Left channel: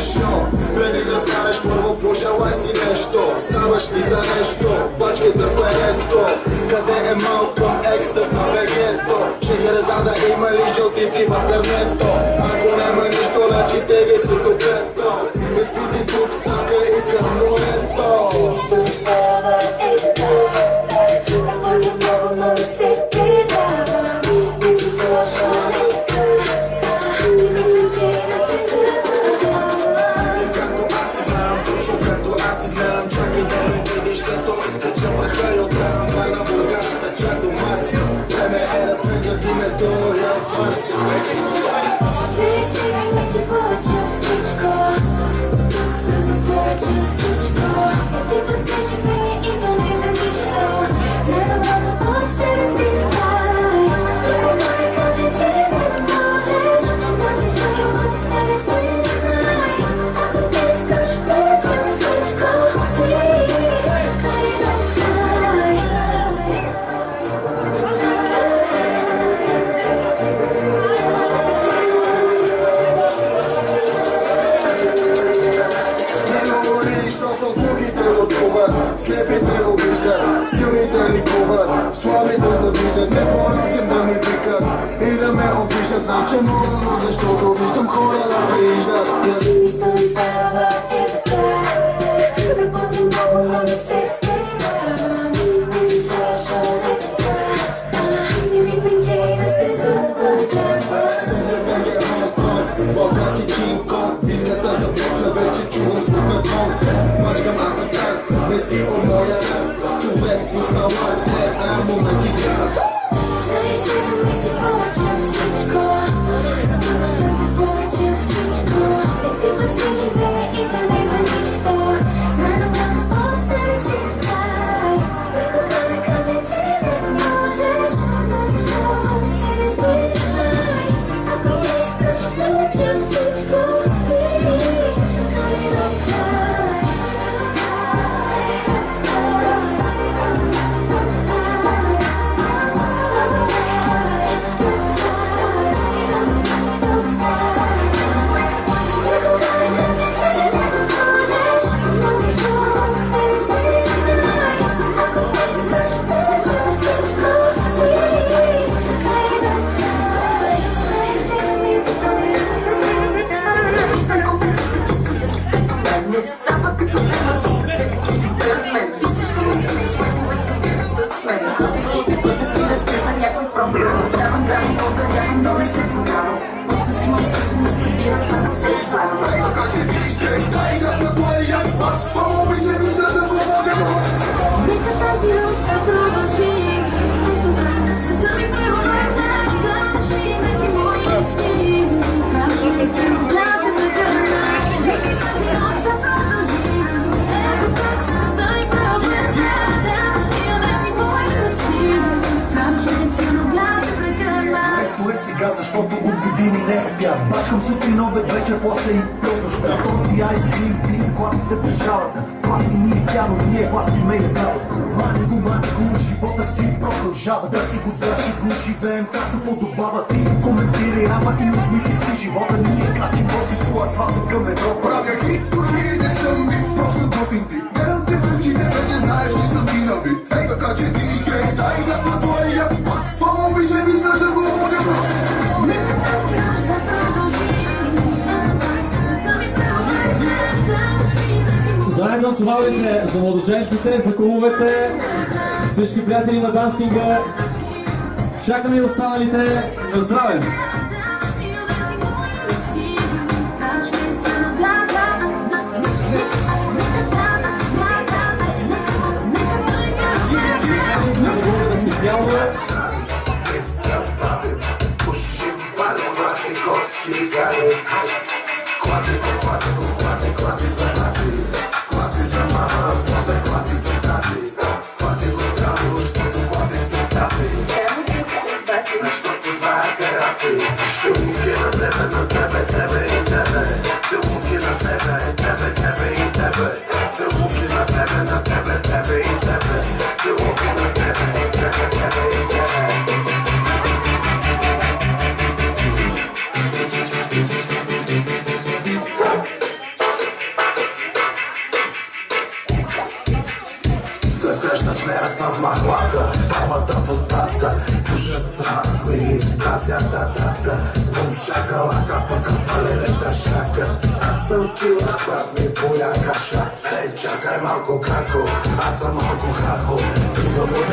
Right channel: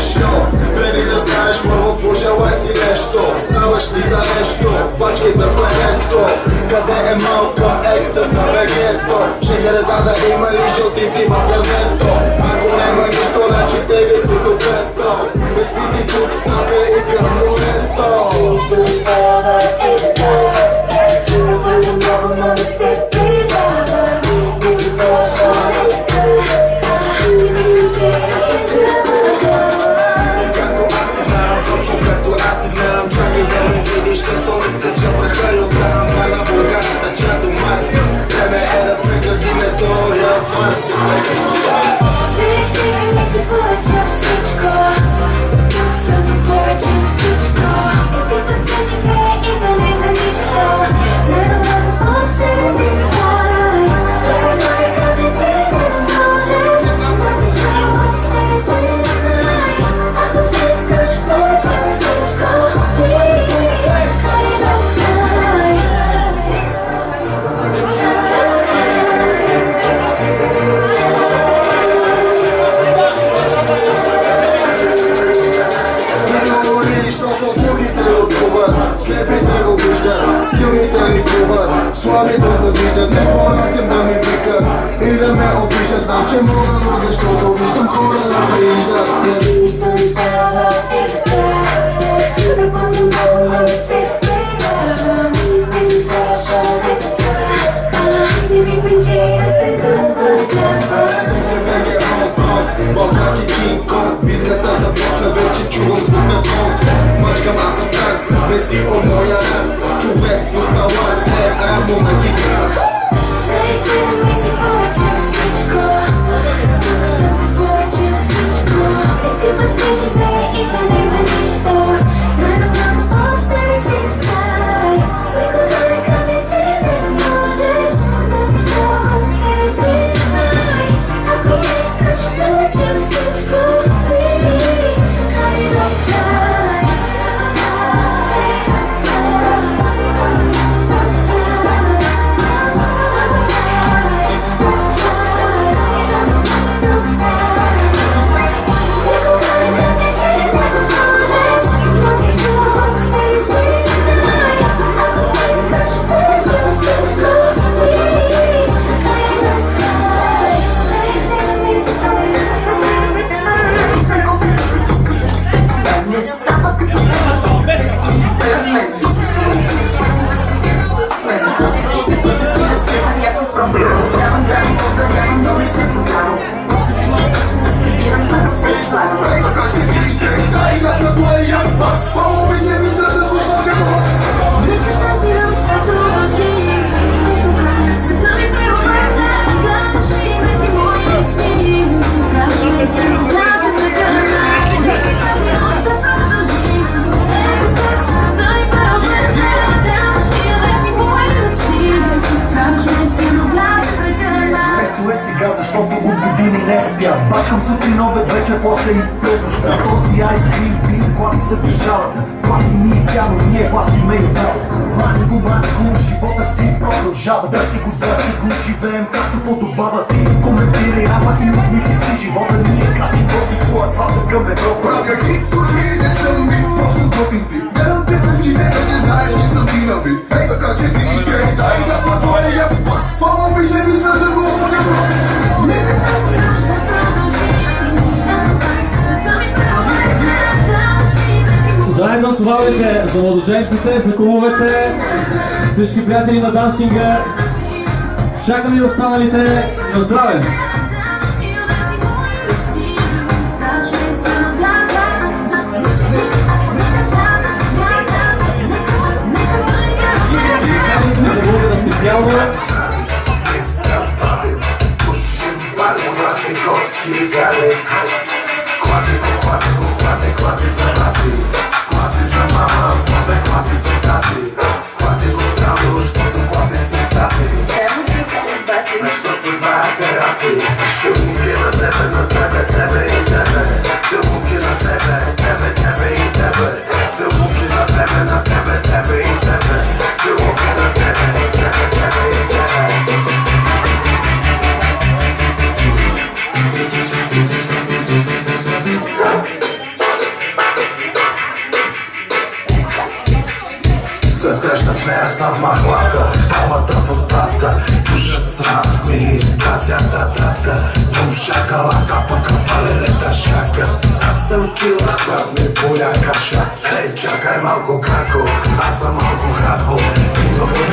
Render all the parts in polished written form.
смешно. Преди да станеш първо пожелай си нещо. Ставаш ли за нещо? Пачката Пенеско. Къде е Малкъм ексът на вегето? Шехерезада има ли жълтици в гърнето? Ако няма нищо, значи стега сото пето. Мислите тук сака и към морето. Нищо не става, ей така. Работя много, но не се предава. Не си слушал, ей така. Не ми причи да се забавлява. Както аз се знам, точно както аз се знам. Чакай да ме видиш, като изкача върха и оттам. Варна Бургас, тъча до Марс. Време е да прекратиме тоя фарс. Знаеш, че за мен се повече всичко. Тук съм за повече всичко. Един път се живее и то не за нищо. Най-доброто от себе си дай. Той не каже, че не можеш. Носиш много от себе си знай. Ако не искаш повече от всичко, ти хай да дай. Защото глухите го чуват, слепите го виждат, силните ни плуват, слабите завиждат. Не понасям да ми викат и да ме опишат. Знам, че мога, но защото виждам хора да прииждат. Нищо не става, е така. Работя много, но не се предавам. Не си слушал, е така. Не ми причи да се забавлявам. Сензебег е Хонг-Конг, балкански Кинг-Конг. Битката започна, вече чувам звук на тонг. Мачкам, аз съм так, не си от моя рък. Човек остава е рамо на гитара. Знаеш, че за мен си повече от всичко. Тук съм за повече от всичко. Един път се живее и то не за нищо. Най-доброто от себе си дай. Никога не каже, че не можеш. Носиш много от себе си знай. Ако не искаш повече от всичко, ти хай да дай. Не става като мен. Пишеш коментираш, понякога си бил с мен. Стига път да стигаш за някой проблем. Давам да ви подарявам, но не се продавам. После си мислиш, не събирам, за да се извадам. Така че диджей, дай газ на твоя бас. Това момиче мисля да го водя глас. Нека тази нощ да продължи. И тогава света ми преобърна. Кажи ми си мои мечти. Кажи ми се родя да прегърна. Нека тази нощ да продължи. Ето как света ми преобърна. Кажи ми си мои мечти. Кажи ми се родя да прегърна. Место е сега, защото от години не спя. Бачкам сутрин, обед, вечер, после и през този айскрим пин, клати се прижават. Клати ни и пяно, ние клатиме и зала. Мани го, живота си продължава. Да си го живеем както подобава. Ти коментирай рапа и осмисли си живота. Ние крачим този по асфалта към Европа. Правя хит, дори не съм бит, просто готин тип. Гледам те в очите, вече знаеш, че съм ти на вид. Ей така че диджей, дай газ на твоя бас. Това момиче мисля да го водя глас. Нека тази нощ да продължи. Ето как света ми преобърна. Заедно цувалите за младоженците, за кумовете, всички приятели на дансинга. Чакаме и останалите. На здраве! Не забравяйте да специално Защото знае карате. Целувки на тебе, на тебе, тебе и тебе. Целувки на тебе, тебе, тебе и тебе. Целувки на тебе, на тебе, тебе и тебе. Целувки на тебе, тебе, тебе и тебе. с нея съм в махлата, бабата в остатка. Душа срат ми, татя, бум шакалака, пъка палелета шака. Аз съм кила, брат ми поля каша. Ей, чакай малко како, аз съм малко хахо. Идвам от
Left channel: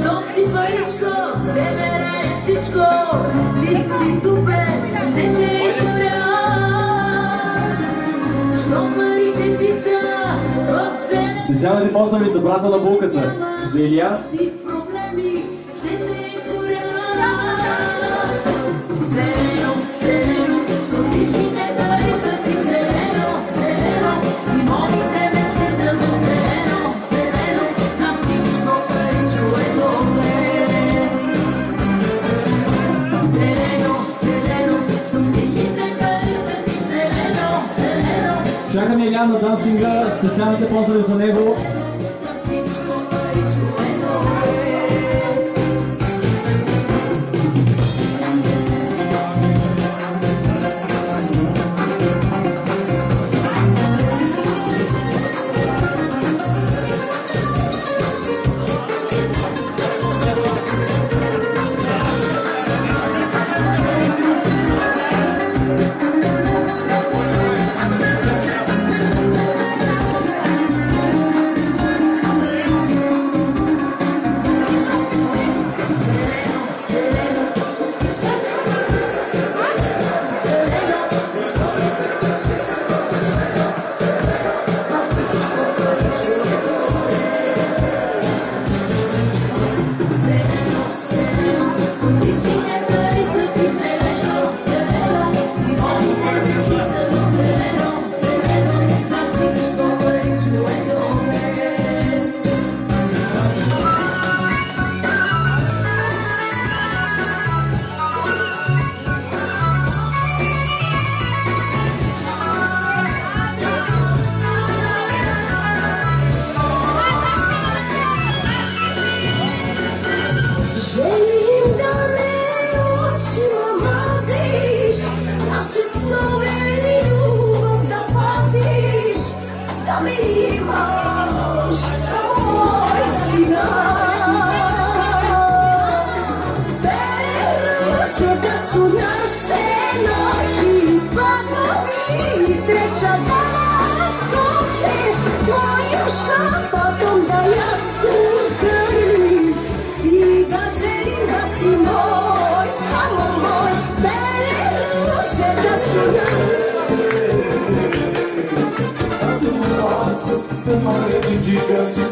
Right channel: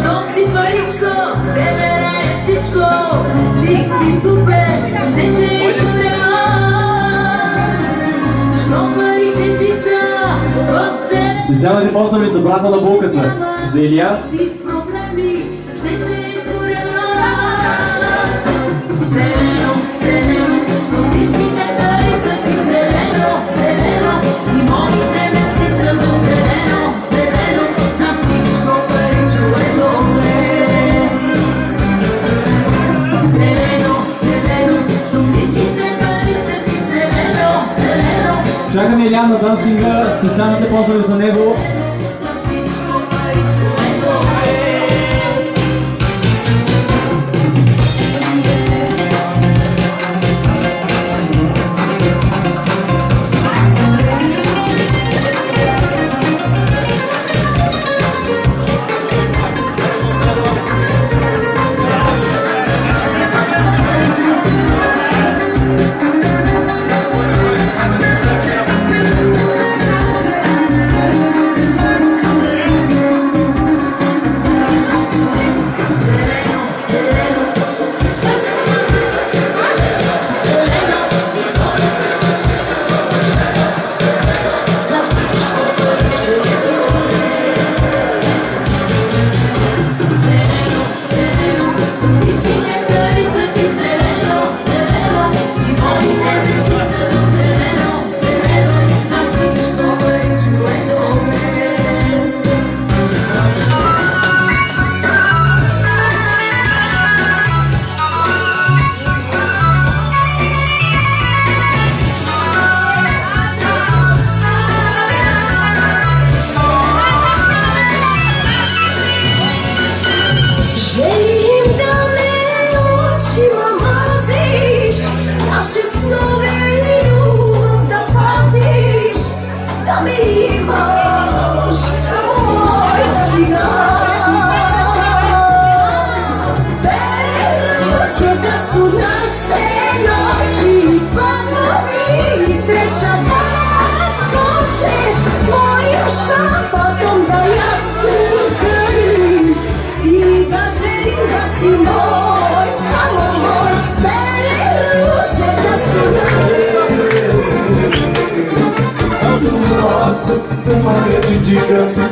Щом си паричко, с тебе рая всичко. Ти си супер, ще те изгоря. Щом парите ти са в себе. Специалните поздрави за брата на булката, за Илия. Ти проблеми, ще те изгоря. Зелено, зелено, с всичките пари са ти зелено, зелено. И моите мечти са до зелено, зелено. На всичко паричко е добре. Зелено, зелено, с всичките пари са ти зелено, зелено. Чакаме Илия на дансинга, специалните поздрави за него.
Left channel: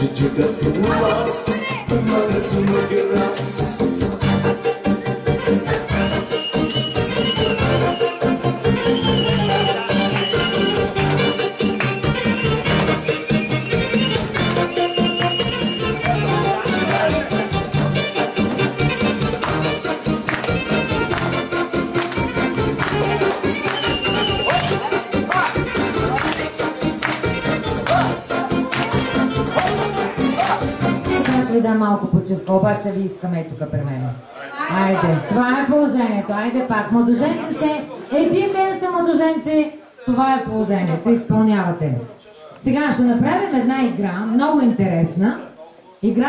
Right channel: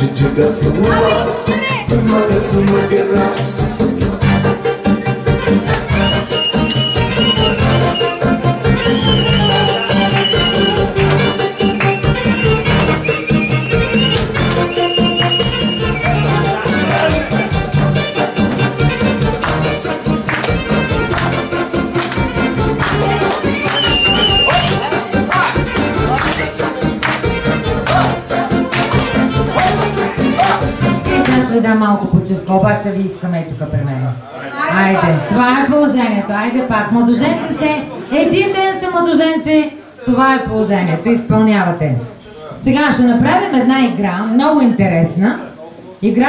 Дидикас, улас, перманece uma guerras. Да, малко почивка, обаче ви искаме и тук при мен. Айде, това е положението. Айде пак. Младоженци сте. Един ден сте младоженци. Това е положението. Изпълнявате. Сега ще направим една игра, много интересна. Игра